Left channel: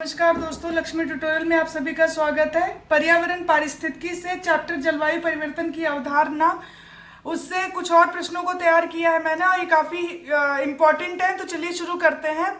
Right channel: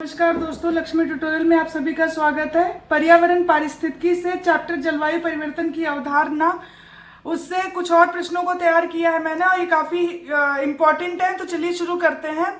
नमस्कार दोस्तों, लक्ष्मी ट्यूटोरियल में आप सभी का स्वागत है। पर्यावरण पारिस्थितिकी से चैप्टर जलवायु परिवर्तन की अवधारणा, उससे कुछ और प्रश्नों को तैयार किया है मैंने और ये काफी इम्पोर्टेंट है। तो चलिए शुरू करते हैं।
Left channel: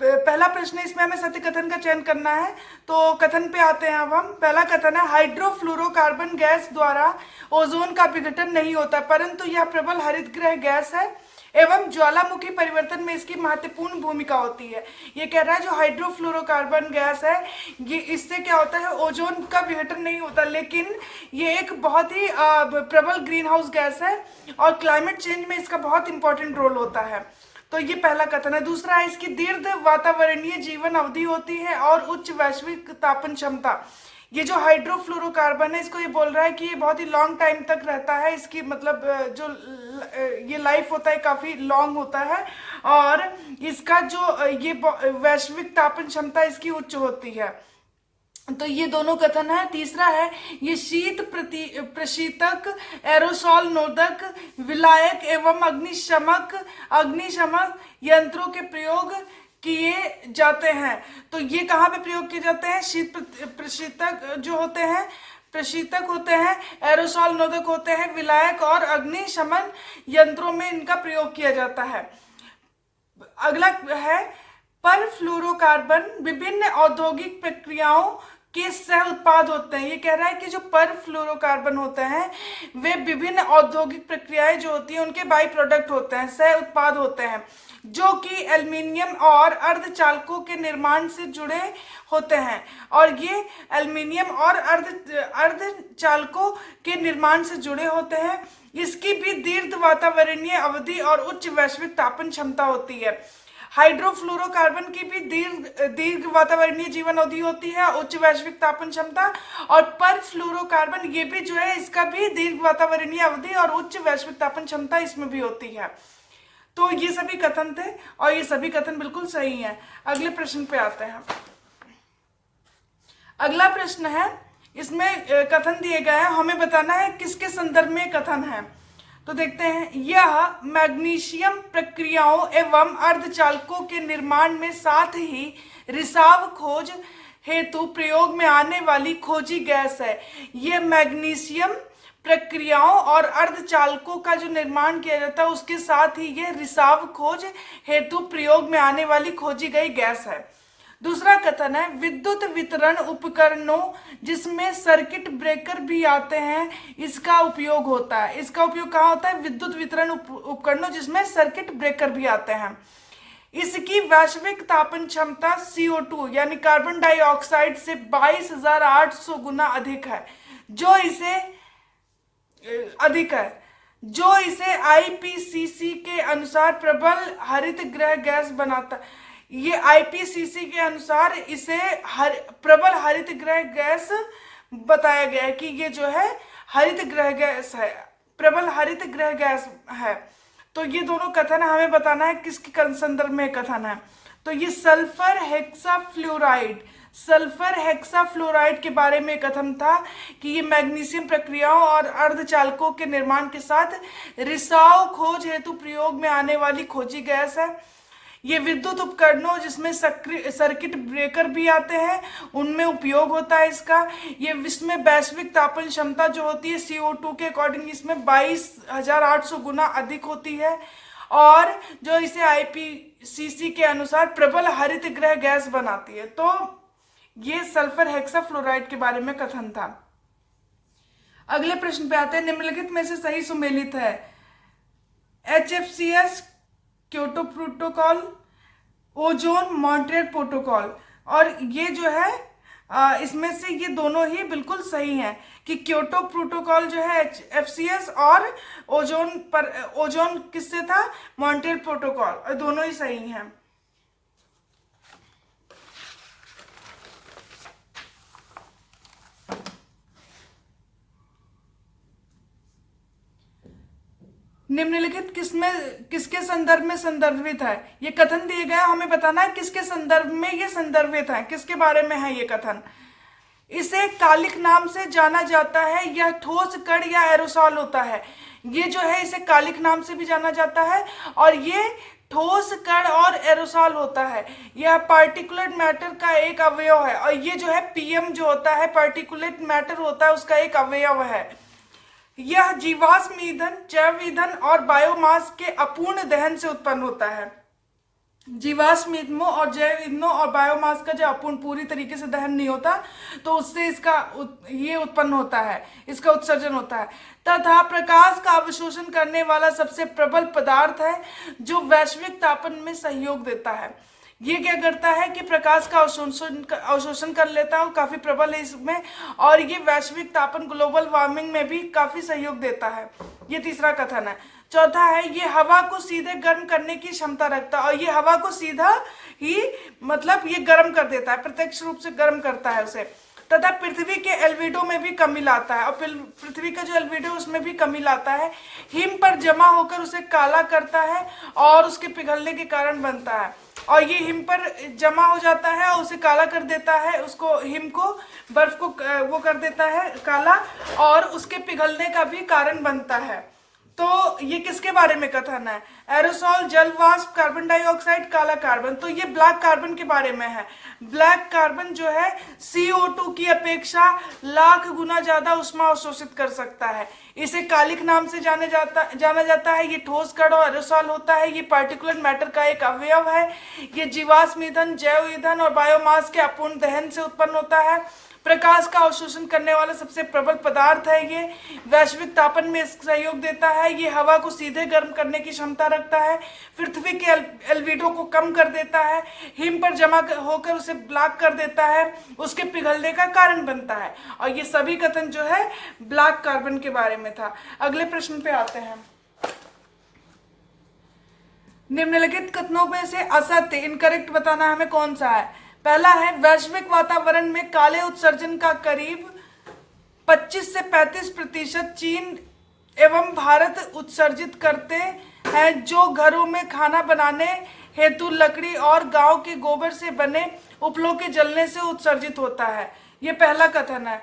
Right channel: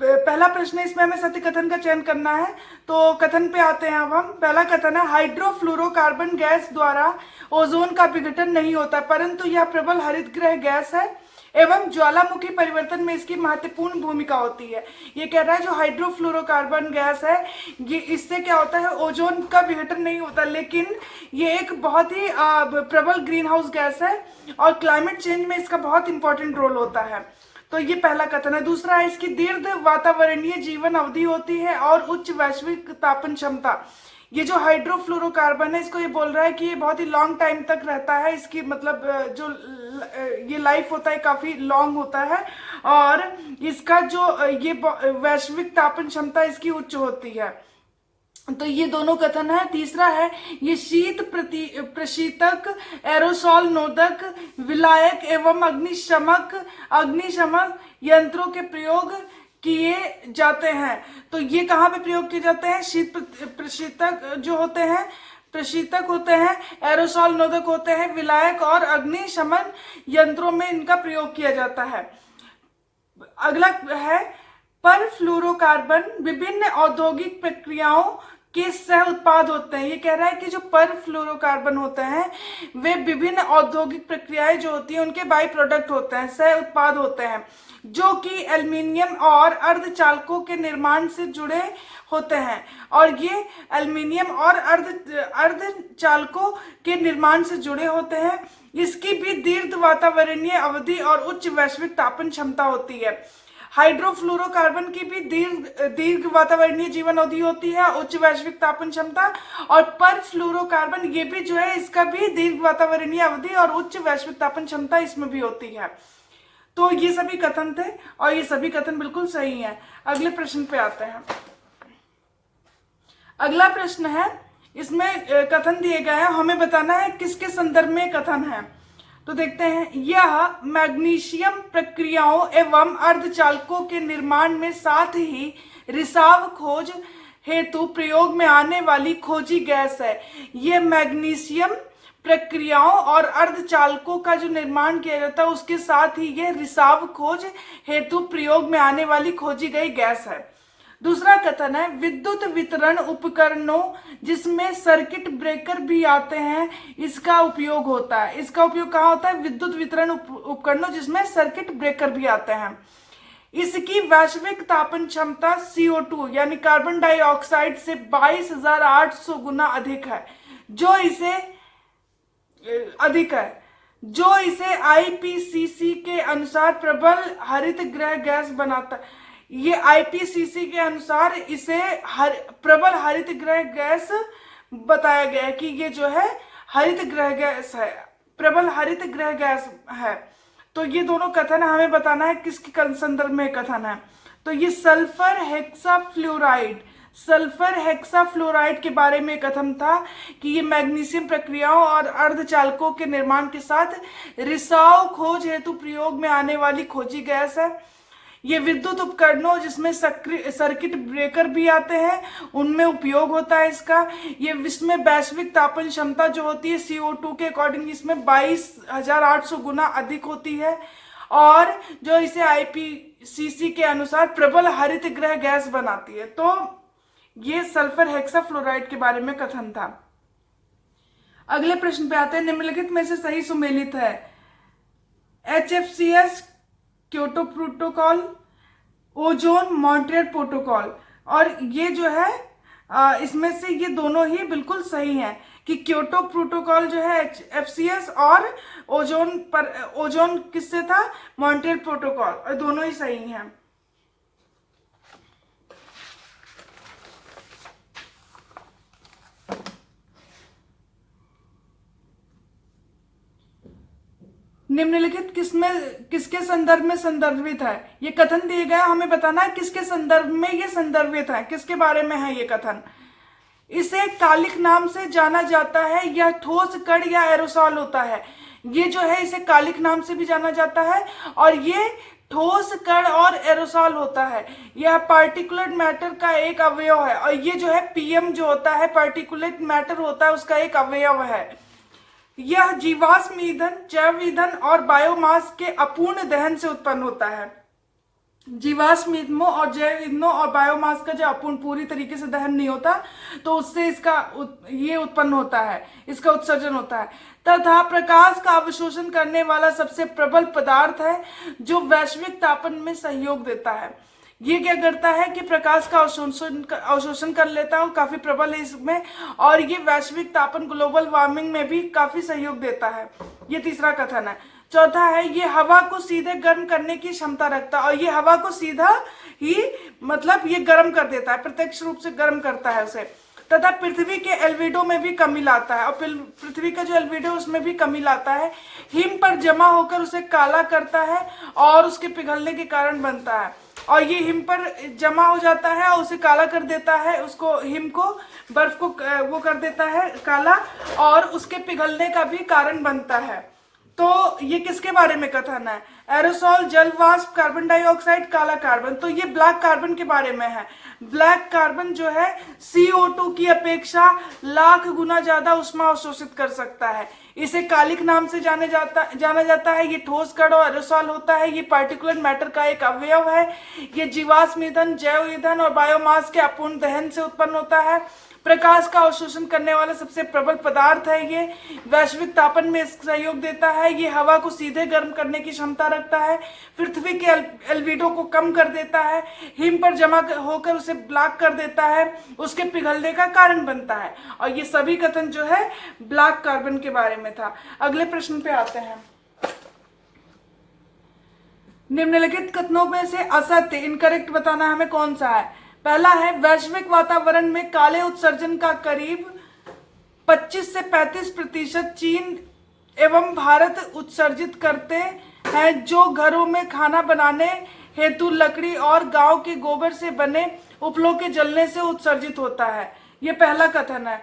पहला प्रश्न है, इसमें हमें सत्य कथन का चयन करना है। तो कथन पे आते हैं। अब हम पहला कथन है, हाइड्रोफ्लोरोकार्बन गैस द्वारा ओजोन का विघटन नहीं होता, परंतु यह प्रबल हरितगृह गैस है एवं ज्वालामुखी परिवर्तन में इसकी महत्वपूर्ण भूमिका होती है। ये कह रहा है जो हाइड्रोफ्लोरोकार्बन गैस है, ये इससे क्या होता है, ओजोन का विघटन नहीं होता, लेकिन ये एक बहुत ही प्रबल ग्रीन हाउस गैस है और क्लाइमेट चेंज में इसका बहुत इंपॉर्टेंट रोल होता है। तो ये पहला कथन है। दूसरा है, इसकी दीर्घ वातावरणीय जीवन अवधि होती है और उच्च वैश्विक तापन क्षमता। ये जो हाइड्रोफ्लोरोकार्बन है, इसको ये बोल रहा है कि ये बहुत ही लॉन्ग टाइम तक रहता है। इसकी मतलब जो ये लाइफ होता है काफी लॉन्ग होता है और इसका जो ये वैश्विक तापन क्षमता इसकी उच्च होती है। तो ये दोनों कथन है। तीसरा है, ये शीत प्रशीतक, एरोसॉल नोदक, विलायक एवं अग्निशमक यंत्रों के प्रयोग किए जाते हैं। तो ये कहाँ पे प्रयोग किए जाते हैं? शीत प्रशीतक जो होते हैं, प्रशीतक होते हैं, एरोसॉल नोदक होते हैं, विलायक और अग्निशमन यंत्रों में इनका प्रयोग किया जाता है। अगला है, परफ्लोरोकार्बन विभिन्न औद्योगिक प्रक्रियाओं के सह उत्पाद होते हैं। ये कह रहा है कि जो परफ्लोरोकार्बन होते हैं वे विभिन्न औद्योगिक प्रक्रियाएं जो होती हैं उनके बाई प्रोडक्ट होते हैं, सह उत्पाद होते हैं, जो कि एल्युमिनियम और अर्धचालकों के निर्माण से जुड़े होते हैं। और ये एल्युमिनियम और अर्धचालकों के निर्माण से जुड़े होते हैं। इसकी भी दीर्घ वातावरणीय अवधि और उच्च वैश्विक तापन क्षमता होती है। हाइड्रोफ्लोरोकार्बन की भी दीर्घ वातावरणीय जीवन अवधि होती है, उच्च वैश्विक तापन क्षमता। और परफ्लोरोकार्बन ये भी जो है, इसका भी दीर्घ वातावरणीय अवधि और उच्च वैश्विक तापन क्षमता इसमें भी होती है। तो ये सभी कथन थे और ये सभी कथन बिल्कुल सही हैं। अगले प्रश्न पे आते हैं। अगला प्रश्न है, इसमें कथन दिए गए हैं, हमें बताना है किसके संदर्भ में कथन है। तो देखते हैं, यह मैग्नीशियम प्रक्रियाओं एवं अर्धचालकों के निर्माण में साथ ही रिसाव खोज हेतु प्रयोग में आने वाली खोजी गैस है। ये मैग्नीशियम प्रक्रियाओं और अर्धचालकों का जो निर्माण किया जाता है उसके साथ ही ये रिसाव खोज हेतु प्रयोग में आने वाली खोजी गई गैस है। दूसरा कथन है, विद्युत वितरण उपकरणों जिसमें सर्किट ब्रेकर भी आते हैं, इसका उपयोग होता है। इसका उपयोग कहाँ होता है? विद्युत वितरण उपकरणों जिसमें सर्किट ब्रेकर भी आते हैं। इसकी वैश्विक तापन क्षमता CO2 यानी कार्बन डाइऑक्साइड से 22,800 गुना अधिक है, जो इसे IPCC के अनुसार प्रबल हरित गृह गैस बनाता है। ये IPCC के अनुसार इसे प्रबल हरित गृह गैस बताया गया है कि ये जो है हरित गृह गैस है, प्रबल हरित गृह गैस है। तो ये दोनों कथन है, हमें बताना है किसके संदर्भ में कथन है। तो ये सल्फर हेक्साफ्लोराइड के बारे में कथन था कि ये मैग्नीशियम प्रक्रियाओं और अर्धचालकों के निर्माण के साथ रिसाव खोज हेतु प्रयोग में आने वाली खोजी गैस है। ये विद्युत उपकरणों जिसमें सर्किट ब्रेकर भी आते हैं उनमें उपयोग होता है इसका। ये इसमें वैश्विक तापन क्षमता जो होती है CO2 के अकॉर्डिंग इसमें 22,800 गुना अधिक होती है और जो इसे IPCC के अनुसार प्रबल हरित गृह गैस बनाती है। तो ये सल्फर हेक्साफ्लोराइड के बारे में कथन था। अगले प्रश्न पे आते हैं, निम्नलिखित में से सही सुमेलित है? HFCS Kyoto protocol, ozone Montreal protocol. और ये जो है इसमें से ये दोनों ही बिल्कुल सही हैं कि क्योटो प्रोटोकॉल जो है FCS और ओजोन किससे था? मॉन्ट्रियल प्रोटोकॉल, और दोनों ही सही हैं। निम्नलिखित किसके संदर्भ में संदर्भित है? ये कथन दिए गए, हमें बताना है किसके संदर्भ में ये संदर्भित है, किसके बारे में है ये कथन। इसे कालिक नाम से जाना जाता है, यह ठोस कण या एरोसॉल होता है। ये जो है इसे कालिक नाम से भी जाना जाता है और ये ठोस कण और एरोसॉल होता है। यह पार्टिकुलेट मैटर का एक अवयव है। और ये जो है पीएम जो होता है, पार्टिकुलेट मैटर होता है, उसका एक अवयव है। यह जीवाश्म ईंधन, जैव ईंधन और बायोमास के अपूर्ण दहन से उत्पन्न होता है। जीवाश्म ईंधनों और जैव ईंधनों और बायोमास का जो अपूर्ण पूरी तरीके से दहन नहीं होता, तो उससे ये उत्पन्न होता है, इसका उत्सर्जन होता है। तथा प्रकाश का अवशोषण करने वाला सबसे प्रबल पदार्थ है जो वैश्विक तापन में सहयोग देता है। ये क्या करता है कि प्रकाश का अवशोषण कर लेता है, काफी प्रबल है इसमें, और ये वैश्विक तापन, ग्लोबल वार्मिंग में भी काफी सहयोग देता है। ये तीसरा कथन है। चौथा है, ये हवा को सीधे गर्म करने की क्षमता रखता है। और ये हवा को सीधा ही मतलब ये गर्म कर देता है, प्रत्यक्ष रूप से गर्म करता है उसे। तथा पृथ्वी के एल्विडो में भी कमी लाता है, और पृथ्वी का जो एल्विडो उसमें भी कमी लाता है। हिम पर जमा होकर उसे काला करता है और उसके पिघलने के कारण बनता है। और ये हिम पर जमा हो जाता है और उसे काला कर देता है, उसको हिम को, बर्फ को वो कर देता है काला, और उसके पिघलने का भी कारण बनता है। तो ये किसके बारे में कथन है? एरोसॉल, जल वाष्प, कार्बन डाइऑक्साइड, काला कार्बन। तो ये ब्लैक कार्बन के बारे में है। ब्लैक कार्बन जो है CO2 की अपेक्षा लाख गुना ज्यादा ऊष्मा अवशोषित कर सकता है। इसे कालिक नाम से जाना जाता है। ये ठोस कण और एरोसॉल होता है। ये पार्टिकुलर मैटर का एक अवयव है। ये जीवाश्म ईंधन, जैव ईंधन और बायोमास के अपूर्ण दहन से उत्पन्न होता है। प्रकाश का अवशोषण करने वाला सबसे प्रबल पदार्थ है। ये वैश्विक तापन में सहयोग देता है। ये हवा को सीधे गर्म करने की क्षमता रखता है। पृथ्वी के एल्विडो को कम कर देता है। हिम पर जमा होकर उसे ब्लैक कर देता है, उसके पिघलने का कारण बनता है। और ये सभी कथन जो है ब्लैक कार्बन के बारे में था। अगले प्रश्न पे आते हैं। निम्नलिखित कथनों में से असत्य, इनकरेक्ट बताना हमें कौन सा है। पहला है, वैश्विक वातावरण में काले उत्सर्जन का करीब 25 से 35% चीन एवं भारत उत्सर्जित करते हैं, जो घरों में खाना बनाने हेतु लकड़ी और गांव के गोबर से बने उपलों के जलने से उत्सर्जित होता है। ये पहला कथन है।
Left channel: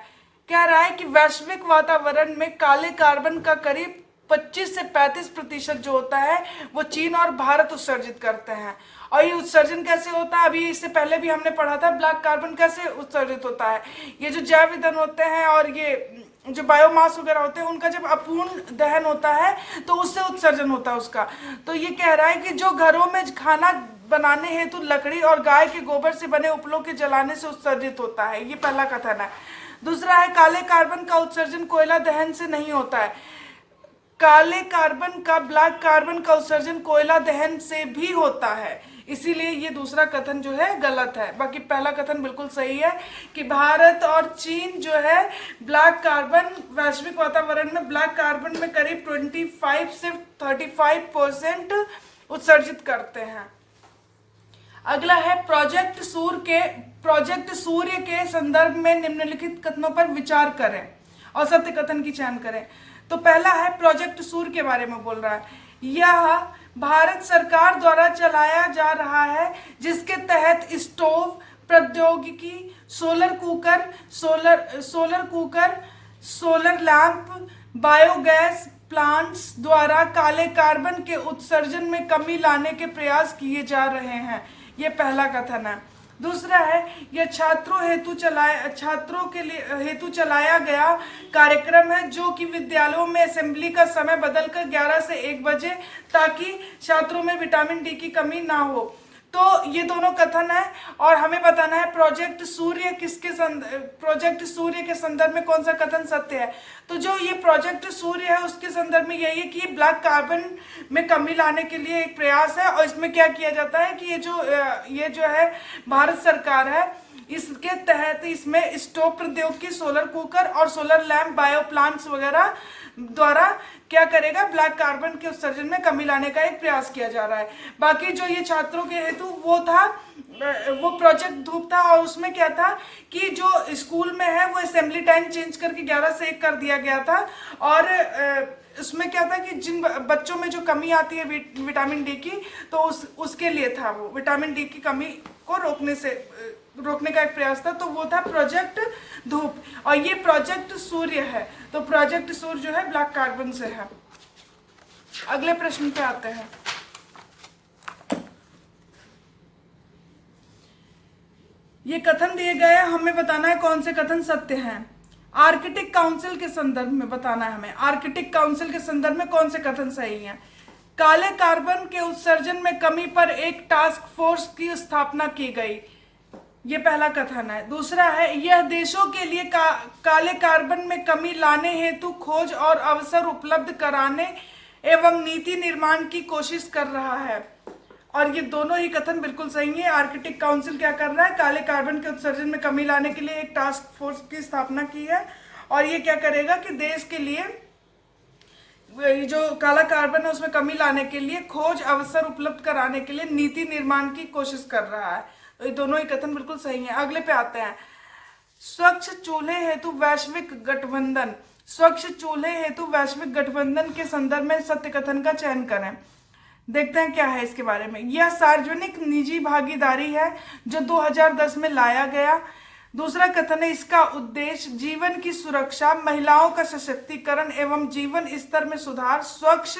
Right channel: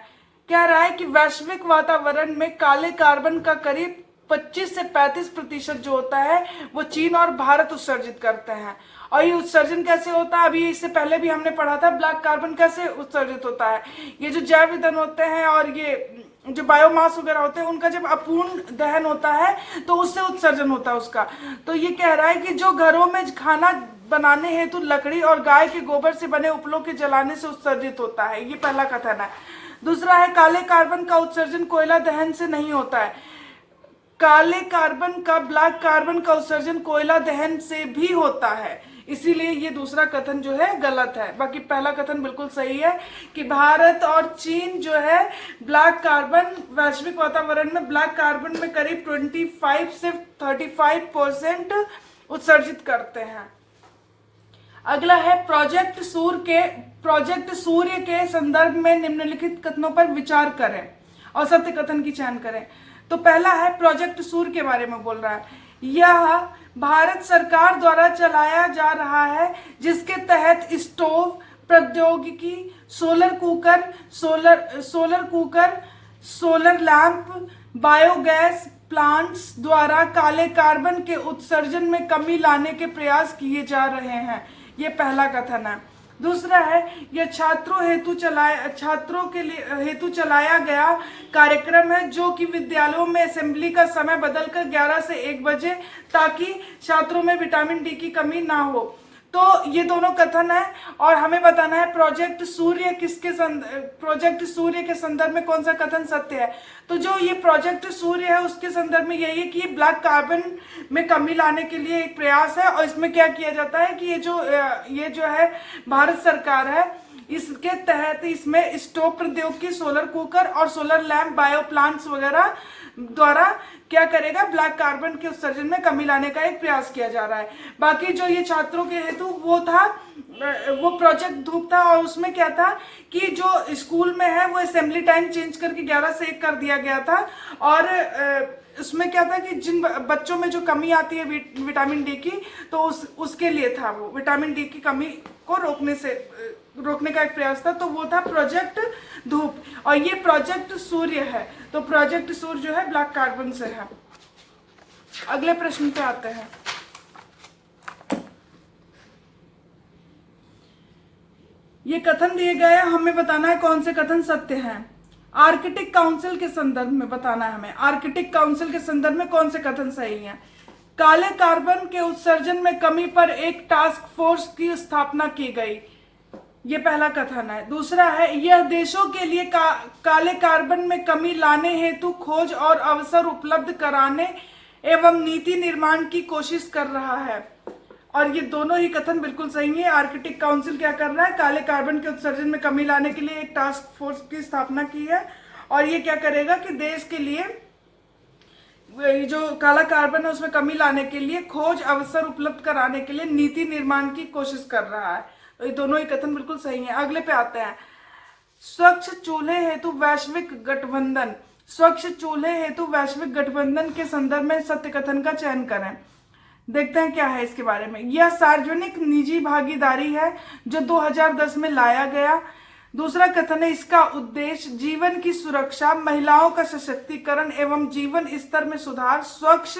कह रहा है कि वैश्विक वातावरण में काले कार्बन का करीब 25 से 35% जो होता है वो चीन और भारत उत्सर्जित करते हैं। और ये उत्सर्जन कैसे होता है, अभी इससे पहले भी हमने पढ़ा था, ब्लैक कार्बन कैसे उत्सर्जित होता है। ये जो जैव ईंधन होते हैं और ये जो बायोमास वगैरह होते हैं, उनका जब अपूर्ण दहन होता है तो उससे उत्सर्जन होता है उसका। तो ये कह रहा है कि जो घरों में खाना बनाने हेतु लकड़ी और गाय के गोबर से बने उपलों के जलाने से उत्सर्जित होता है। ये पहला कथन है। दूसरा है, काले कार्बन का उत्सर्जन कोयला दहन से नहीं होता है। काले कार्बन का, ब्लैक कार्बन का उत्सर्जन कोयला दहन से भी होता है, इसीलिए ये दूसरा कथन जो है गलत है। बाकी पहला कथन बिल्कुल सही है कि भारत और चीन जो है ब्लैक कार्बन, वैश्विक वातावरण में ब्लैक कार्बन में करीब 25 से 35% उत्सर्जित करते हैं। अगला है, प्रोजेक्ट सूर्य के संदर्भ में निम्नलिखित कथनों पर विचार करें और सत्य कथन की चयन करें। तो पहला है, प्रोजेक्ट सूर्य के बारे में बोल रहा है। यह भारत सरकार द्वारा चलाया जा रहा है, जिसके तहत स्टोव प्रौद्योगिकी, solar cooker, solar lamp, biogas plants द्वारा काले कार्बन के उत्सर्जन में कमी लाने के प्रयास किए जा रहे हैं। ये पहला कथन है। दूसरा है, यह छात्रों के हेतु चलाया गया कार्यक्रम है, जो कि विद्यालयों में असेंबली का समय बदलकर 11 से 1 बजे, ताकि छात्रों में विटामिन डी की कमी ना हो। तो ये दोनों कथन है और हमें बताना है प्रोजेक्ट सूर्य के संदर्भ में कौन सा कथन सत्य है। तो जो ये प्रोजेक्ट सूर्य है उसके संदर्भ में यही कि ब्लैक कार्बन में कमी लाने के लिए एक प्रयास है। और इसमें क्या किया जाता है कि ये जो है भारत सरकार है, इसके तहत इसमें स्टोव प्रौद्योगिकी, सोलर कुकर और सोलर लैंप, बायो प्लांट्स वगैरह द्वारा क्या करेगा, ब्लैक कार्बन के उत्सर्जन में कमी लाने का एक प्रयास किया जा रहा है। बाकी जो ये छात्रों के हेतु वो प्रोजेक्ट धूप था, और उसमें क्या था कि जो स्कूल में है वो असेंबली टाइम चेंज करके 11 से 1 कर दिया गया था। और उसमें क्या था कि जिन बच्चों में जो कमी आती है विटामिन डी की, तो उसके लिए था, वो विटामिन डी की कमी को रोकने का एक प्रयास था। तो वो था प्रोजेक्ट धूप। और ये प्रोजेक्ट सूर्य है, तो प्रोजेक्ट सूर्य जो है ब्लैक कार्बन से है। अगले प्रश्न पे आते हैं। ये कथन दिए गए हैं, हमें बताना है कौन से कथन सत्य हैं। आर्कटिक काउंसिल के संदर्भ में बताना है हमें, आर्कटिक काउंसिल के संदर्भ में कौन से कथन सही हैं। काले कार्बन के उत्सर्जन में कमी पर एक टास्क फोर्स की स्थापना की गई, ये पहला कथन है। दूसरा है, यह देशों के लिए काले कार्बन में कमी लाने हेतु खोज और अवसर उपलब्ध कराने एवं नीति निर्माण की कोशिश कर रहा है। और ये दोनों ही कथन बिल्कुल सही है। आर्कटिक काउंसिल क्या कर रहा है, काले कार्बन के उत्सर्जन में कमी लाने के लिए एक टास्क फोर्स की स्थापना की है, और ये क्या करेगा कि देश के लिए जो काला कार्बन है उसमें कमी लाने के लिए खोज अवसर उपलब्ध कराने के लिए नीति निर्माण की कोशिश कर रहा है। तो ये दोनों ही कथन बिल्कुल सही है। अगले पे आते हैं, स्वच्छ चूल्हे हेतु वैश्विक गठबंधन। स्वच्छ चूल्हे हेतु वैश्विक गठबंधन के संदर्भ में सत्य कथन का चयन करें। देखते हैं क्या है इसके बारे में। यह सार्वजनिक निजी भागीदारी है जो 2010 में लाया गया। दूसरा कथन है, इसका उद्देश्य जीवन की सुरक्षा, महिलाओं का सशक्तिकरण एवं जीवन स्तर में सुधार, स्वच्छ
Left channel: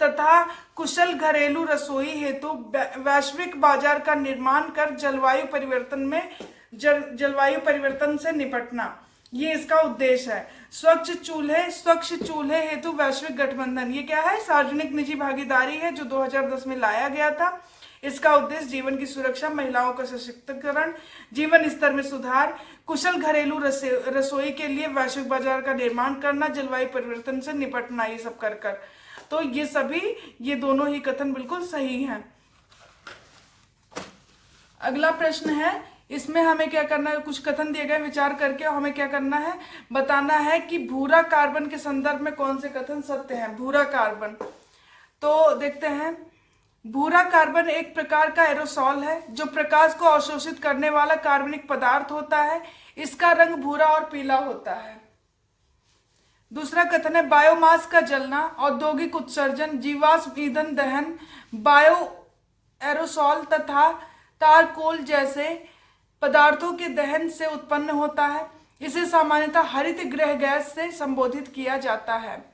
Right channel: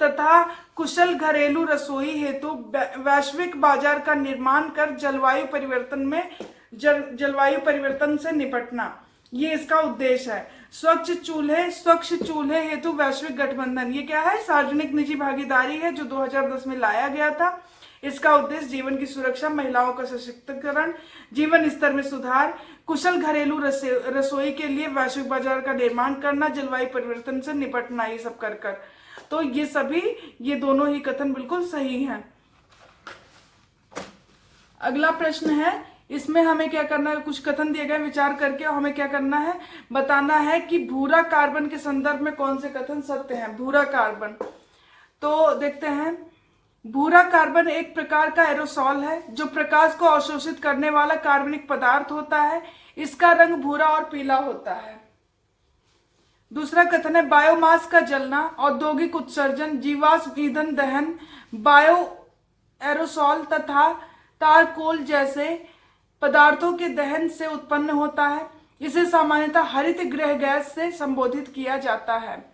तथा कुशल घरेलू रसोई हेतु वैश्विक बाजार का निर्माण कर जलवायु परिवर्तन से निपटना, ये इसका उद्देश्य है। स्वच्छ चूल्हे हेतु वैश्विक गठबंधन, ये क्या है, सार्वजनिक निजी भागीदारी है जो 2010 में लाया गया था। इसका उद्देश्य जीवन की सुरक्षा, महिलाओं का सशक्तिकरण, जीवन स्तर में सुधार, कुशल घरेलू रसोई के लिए वैश्विक बाजार का निर्माण करना, जलवायु परिवर्तन से निपटना, ये सब कर तो ये दोनों ही कथन बिल्कुल सही हैं। अगला प्रश्न है, इसमें हमें क्या करना है, कुछ कथन दिए गए विचार करके हमें क्या करना है, बताना है कि भूरा कार्बन के संदर्भ में कौन से कथन सत्य हैं। भूरा कार्बन, तो देखते हैं, भूरा कार्बन एक प्रकार का एरोसॉल है जो प्रकाश को अवशोषित करने वाला कार्बनिक पदार्थ होता है। इसका रंग भूरा और पीला होता है। दूसरा कथन है, बायोमास का जलना, औद्योगिक उत्सर्जन, जीवाश्म ईंधन दहन, बायो एरोसॉल तथा तारकोल जैसे पदार्थों के दहन से उत्पन्न होता है। इसे सामान्यतः हरित गृह गैस से संबोधित किया जाता है।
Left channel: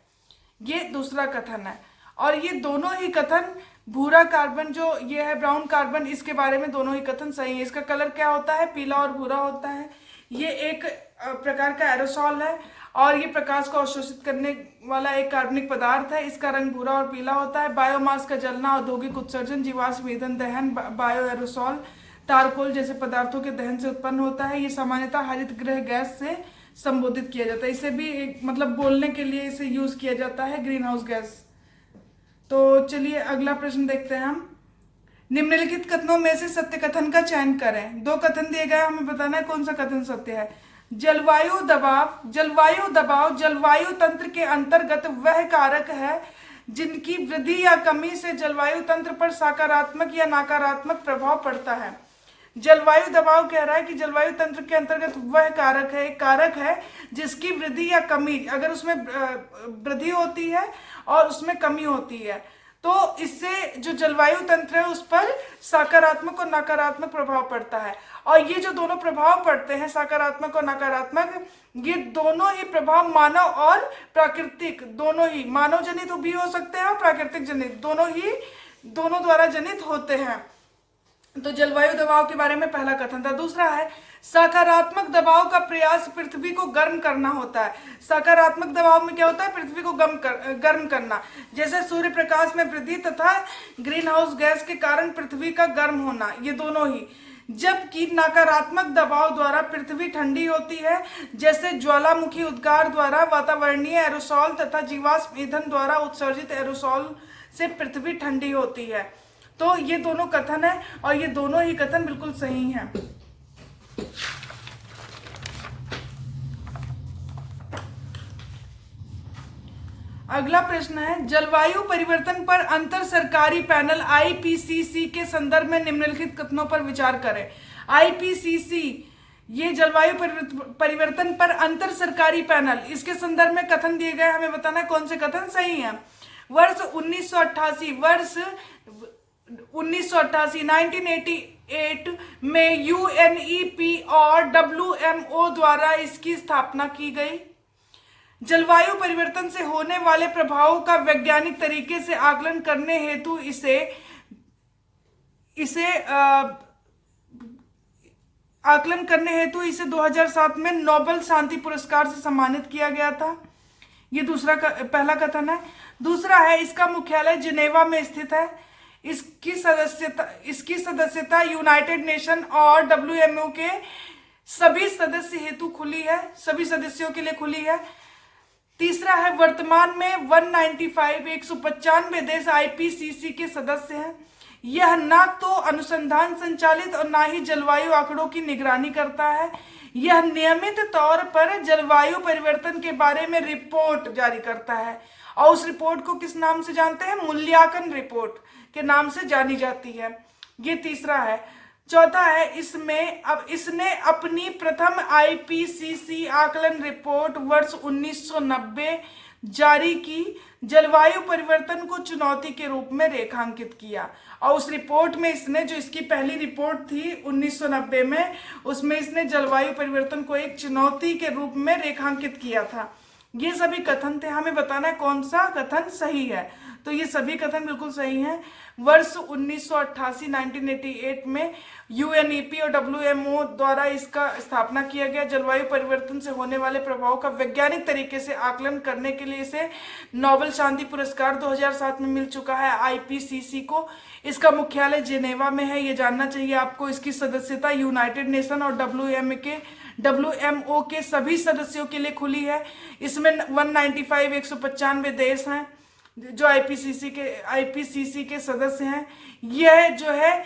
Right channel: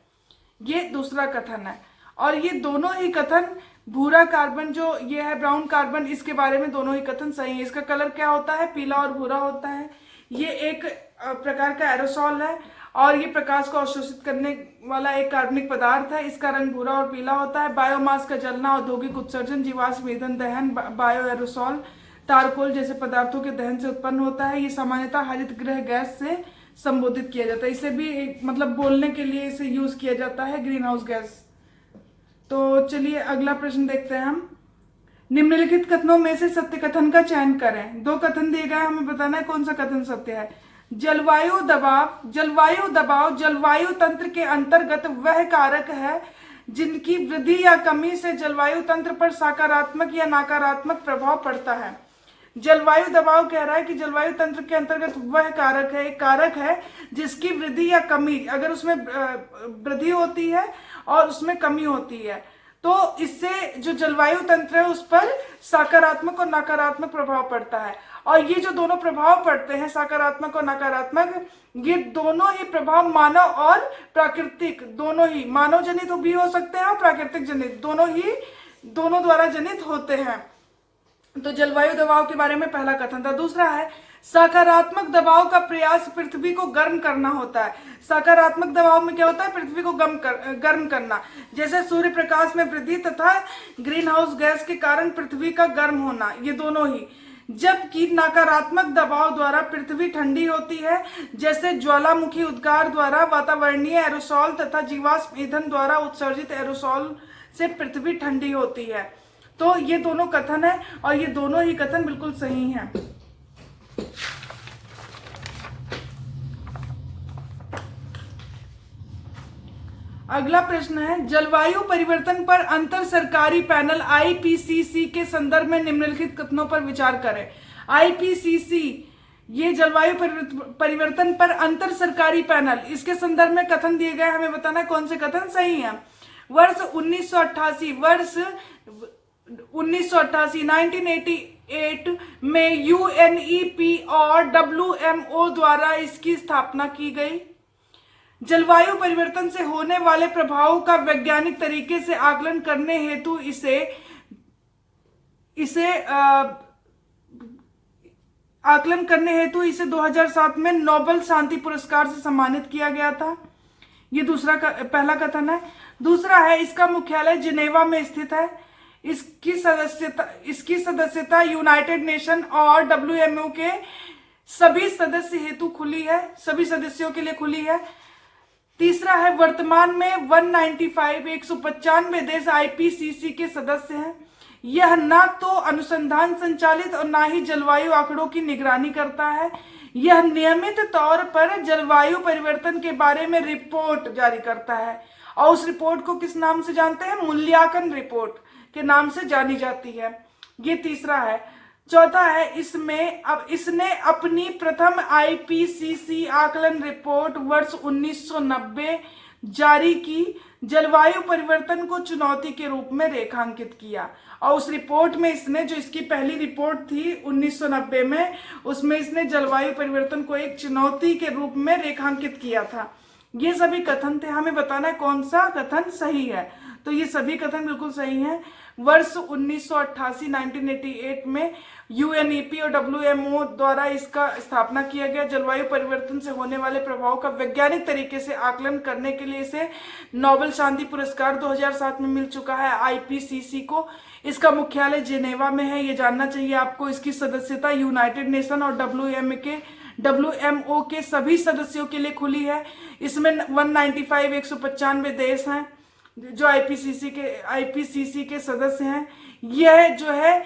ये दूसरा कथन है। और ये दोनों ही कथन, भूरा कार्बन जो ये है, ब्राउन कार्बन, इसके बारे में दोनों ही कथन सही है। इसका कलर क्या होता है, पीला और भूरा होता है। ये एक प्रकार का एरोसॉल है और ये प्रकाश को अवशोषित करने वाला एक कार्बनिक पदार्थ है। इसका रंग भूरा और पीला होता है। बायोमास का जलना, औद्योगिक उत्सर्जन, जीवाश्म ईंधन दहन, बायो एरोसॉल, तारकोल जैसे पदार्थों के दहन से उत्पन्न होता है। ये सामान्यतः हरित गृह गैस से संबोधित किया जाता है। इसे भी मतलब बोलने के लिए इसे यूज किया जाता है, ग्रीन हाउस गैस। तो चलिए अगला प्रश्न देखते हैं हम। निम्नलिखित कथनों में से सत्य कथन का चयन करें। दो कथन दिए गए, हमें बताना है कौन सा कथन सत्य है। जलवायु दबाव जलवायु तंत्र के अंतर्गत वह कारक है जिनकी वृद्धि या कमी से जलवायु तंत्र पर सकारात्मक या नकारात्मक प्रभाव पड़ता है। जलवायु दबाव कह रहा है कि जलवायु तंत्र के अंतर्गत वह कारक है जिसकी वृद्धि या कमी, अगर उसमें वृद्धि होती है और उसमें कमी होती है तो इससे जो जलवायु तंत्र है उस पर सकारात्मक और नकारात्मक प्रभाव पड़ता है। और ये जो दोनों प्रभाव पड़ते हैं, सकारात्मक और नकारात्मक, ये दोनों ही प्रभाव मानव और प्राकृतिक, दोनों ही मानव जनित भी हो सकते हैं और प्राकृतिक जनित, दोनों द्वारा जनित होते हैं। तो जलवायु दबाव के बारे में पहला कथन था। दूसरा है, सकारात्मक दबाव का प्रयास पृथ्वी को गर्म करना होता है। सकारात्मक दबाव में क्या होता है, पृथ्वी को गर्म करना, जैसे सूर्य प्रकाश में वृद्धि तथा ग्रीन हाउस गैस के कारण पृथ्वी का गर्म होना, ये दोनों ही। जबकि नकारात्मक दबाव द्वारा पृथ्वी ठंडी होती है, जैसे ज्वालामुखी उद्गार द्वारा वातावरणीय एरोसॉल तथा जीवाश्म ईंधन द्वारा उत्सर्जित एरोसॉल से पृथ्वी ठंडी होती है। तो ये दोनों कथन है और ये दोनों ही कथन बिल्कुल सही हैं। अगला प्रश्न है, जलवायु परिवर्तन पर अंतर सरकारी पैनल आईपीसीसी के संदर्भ में निम्नलिखित कथनों पर विचार करें। आईपीसीसी, ये जलवायु परिवर्तन पर अंतर सरकारी पैनल, इसके संदर्भ में कथन दिए गए, हमें बताना है कौन से कथन सही हैं। वर्ष 1988 में यूएनईपी और डब्ल्यूएमओ द्वारा इसकी स्थापना की गई। जलवायु परिवर्तन से होने वाले प्रभावों का वैज्ञानिक तरीके से आकलन करने हेतु इसे आकलन करने हेतु इसे 2007 में नोबेल शांति पुरस्कार से सम्मानित किया गया था। ये पहला कथन है। दूसरा है, इसका मुख्यालय जिनेवा में स्थित है। इसकी सदस्यता यूनाइटेड नेशन और WMO के सभी सदस्य हेतु खुली है, सभी सदस्यों के लिए खुली है। तीसरा है, वर्तमान में 195 देश IPCC के सदस्य हैं। यह ना तो अनुसंधान संचालित और ना ही जलवायु आंकड़ों की निगरानी करता है। यह नियमित तौर पर जलवायु परिवर्तन के बारे में रिपोर्ट जारी करता है और उस रिपोर्ट को किस नाम से जानते हैं? मूल्यांकन रिपोर्ट के नाम से जानी जाती है। ये तीसरा है। चौथा है, इसने अपनी प्रथम IPCC आकलन रिपोर्ट वर्ष 1990 जारी की, जलवायु परिवर्तन को चुनौती के रूप में रेखांकित किया। और उस रिपोर्ट में इसकी पहली रिपोर्ट थी 1990 में, उसमें इसने जलवायु परिवर्तन को एक चुनौती के रूप में रेखांकित किया था। ये सभी कथन थे। हमें बताना है कौन सा कथन सही है। तो ये सभी कथन बिल्कुल सही हैं। वर्ष 1988 में UNEP और WMO द्वारा इसका स्थापना किया गया। जलवायु परिवर्तन से होने वाले प्रभाव का वैज्ञानिक तरीके से आकलन करने के लिए इसे नोबेल शांति पुरस्कार 2007 में मिल चुका है IPCC को। इसका मुख्यालय जिनेवा में है, ये जानना चाहिए आपको। इसकी सदस्यता यूनाइटेड नेशन और WMO के सभी सदस्यों के लिए खुली है। इसमें 195 देश हैं जो IPCC के सदस्य हैं। यह जो है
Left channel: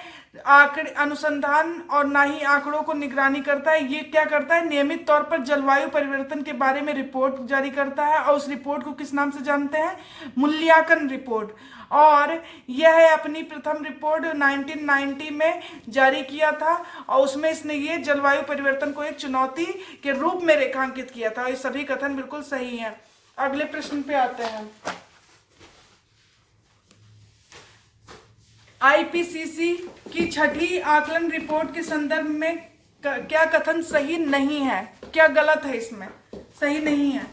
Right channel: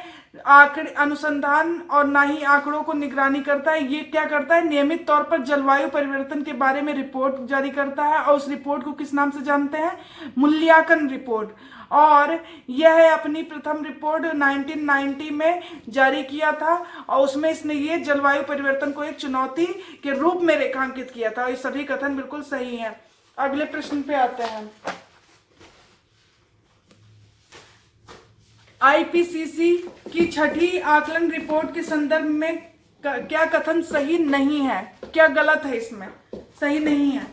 अनुसंधान और ना ही आंकड़ों को निगरानी करता है। ये क्या करता है? नियमित तौर पर जलवायु परिवर्तन के बारे में रिपोर्ट जारी करता है और उस रिपोर्ट को किस नाम से जानते हैं? मूल्यांकन रिपोर्ट। और यह अपनी प्रथम रिपोर्ट 1990 में जारी किया था और उसमें इसने ये जलवायु परिवर्तन को एक चुनौती के रूप में रेखांकित किया था। ये सभी कथन बिल्कुल सही हैं। अगले प्रश्न पे आते हैं। IPCC की छठी आकलन रिपोर्ट के संदर्भ में क्या कथन सही नहीं है? क्या गलत है? इसमें सही नहीं है।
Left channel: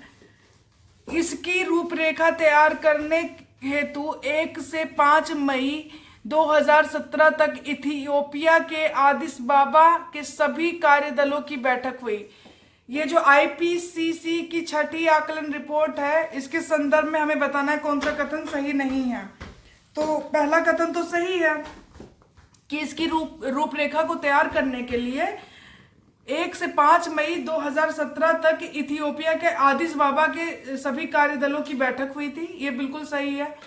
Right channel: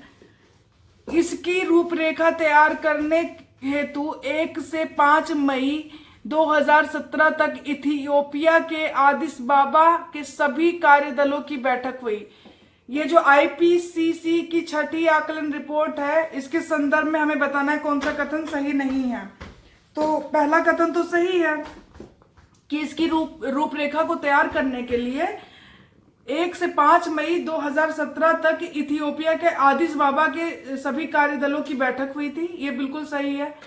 इसकी रूपरेखा तैयार करने हेतु 1 से 5 मई 2017 तक इथियोपिया के आदिस बाबा के सभी कार्यदलों की बैठक हुई। ये जो IPCC की छठी आकलन रिपोर्ट है, इसके संदर्भ में हमें बताना है कौन सा कथन सही नहीं है। तो पहला कथन तो सही है कि इसकी रूपरेखा को तैयार करने के लिए 1 से 5 मई 2017 तक इथियोपिया के आदिस बाबा के सभी कार्यदलों की बैठक हुई थी। ये बिल्कुल सही है।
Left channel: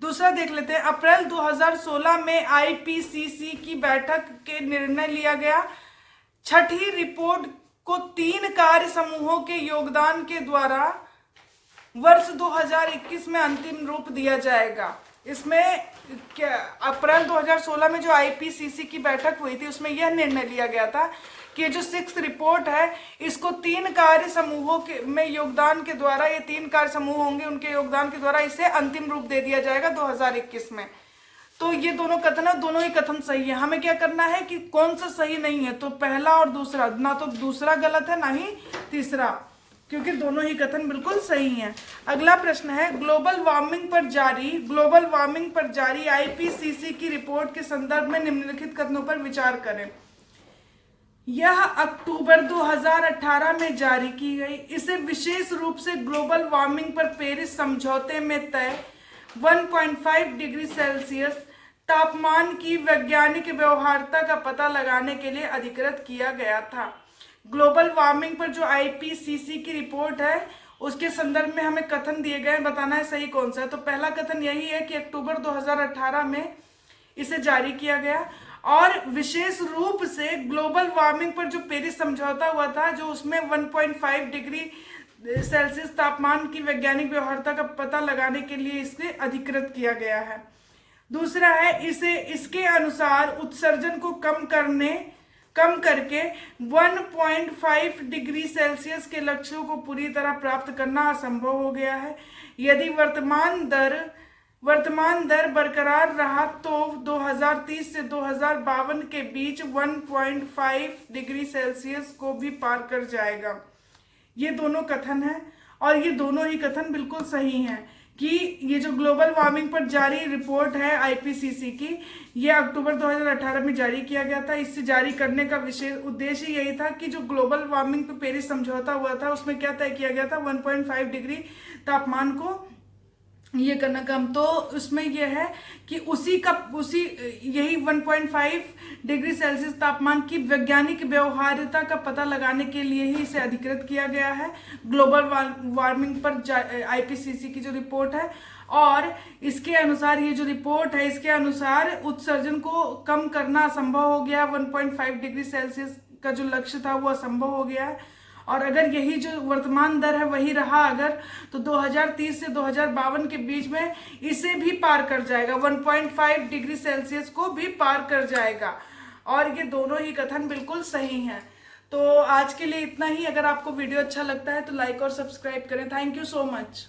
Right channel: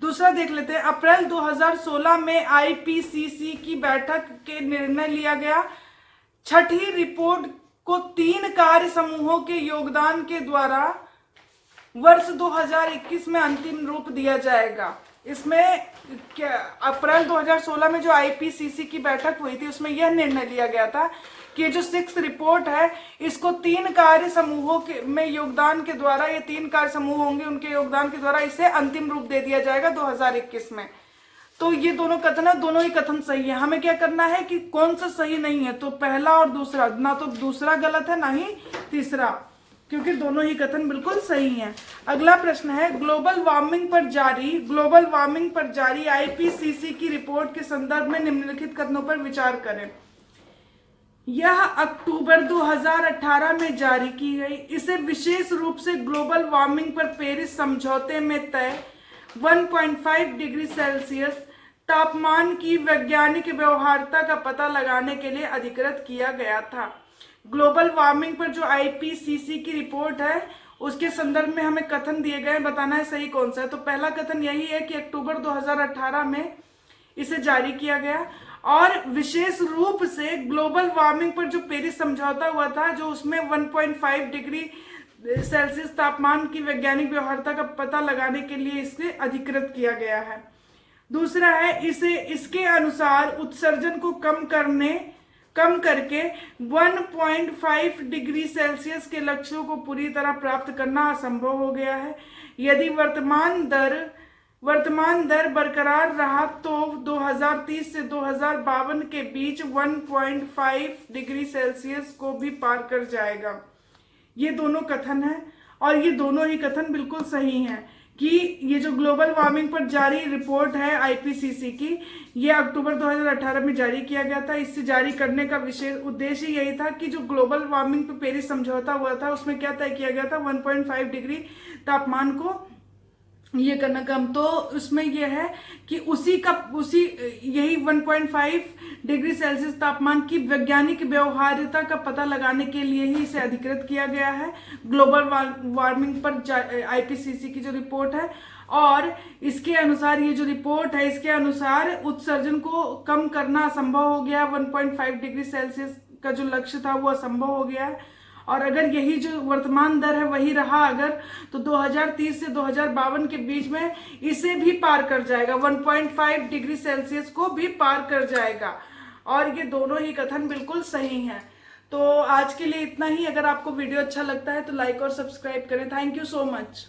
दूसरा देख लेते हैं। अप्रैल 2016 में IPCC की बैठक के निर्णय लिया गया। छठी रिपोर्ट को 3 कार्य समूहों के योगदान के द्वारा वर्ष 2021 में अंतिम रूप दिया जाएगा। इसमें क्या अप्रैल 2016 में जो IPCC की बैठक हुई थी उसमें यह निर्णय लिया गया था कि जो 6th रिपोर्ट है इसको 3 कार्य समूहों के में योगदान के द्वारा, ये 3 कार्य समूह होंगे, उनके योगदान के द्वारा इसे अंतिम रूप दे दिया जाएगा 2021 में। तो ये दोनों कथन है, दोनों ही कथन सही है। हमें क्या करना है कि कौन सा सही नहीं है। तो पहला और दूसरा, ना तो दूसरा गलत है ना ही तीसरा, क्योंकि दोनों ही कथन बिल्कुल सही हैं। अगला प्रश्न है, ग्लोबल वार्मिंग पर जारी IPCC की रिपोर्ट के संदर्भ में निम्नलिखित कथनों पर विचार करें। यह अक्टूबर 2018 में जारी की गई। इसे विशेष रूप से ग्लोबल वार्मिंग पर पेरिस समझौते में तय 1.5 डिग्री सेल्सियस तापमान की वैज्ञानिक व्यवहार्यता का पता लगाने के लिए अधिकृत किया गया था। ग्लोबल वार्मिंग पर जो IPCC की रिपोर्ट है उसके संदर्भ में हमें कथन दिए गए, बताना है सही कौन सा है। तो पहला कथन यही है कि अक्टूबर 2018 में इसे जारी किया गया और विशेष रूप से ग्लोबल वार्मिंग पर जो पेरिस समझौता हुआ था, जो उसमें 1.5 डिग्री सेल्सियस तापमान की वैज्ञानिक व्यवहार्यता का पता लगाने के लिए इसे अधिकृत किया गया है। दूसरा है, इसके अनुसार उत्सर्जन को कम करके 1.5 डिग्री सेल्सियस के लक्ष्यों को पूरी तरह प्राप्त करना असंभव हो गया है। यदि वर्तमान दर बरकरार रहा तो 2030 से 2052 के बीच 1.5 डिग्री सेल्सियस को भी पार कर जाएगा। ये दोनों कथन है और ये दोनों ही कथन बिल्कुल सही हैं, कि ये जो ग्लोबल वार्मिंग पर जारी रिपोर्ट है आईपीसीसी की, ये अक्टूबर 2018 में जारी किया गया था। इससे जारी करने का विशेष उद्देश्य यही था कि जो ग्लोबल वार्मिंग पर पेरिस समझौता हुआ था उसमें क्या तय किया गया था, 1.5 डिग्री तापमान को ये करना कम। तो उसमें यह है कि उसी यही 1.5 डिग्री सेल्सियस तापमान की वैज्ञानिक व्यवहार्यता का पता लगाने के लिए ही इसे अधिकृत किया गया है ग्लोबल वार्मिंग पर आईपीसीसी की जो रिपोर्ट है। और इसके अनुसार ये जो रिपोर्ट है, इसके अनुसार उत्सर्जन को कम करना असंभव हो गया। 1.5 डिग्री सेल्सियस का जो लक्ष्य था वो असंभव हो गया है। और अगर यही जो वर्तमान दर है वही रहा अगर, तो 2030 से 2052 के बीच में इसे भी पार कर जाएगा, 1.5 डिग्री सेल्सियस को भी पार कर जाएगा। और ये दोनों ही कथन बिल्कुल सही हैं। तो आज के लिए इतना ही। अगर आपको वीडियो अच्छा लगता है तो लाइक और सब्सक्राइब करें। Thank you so much.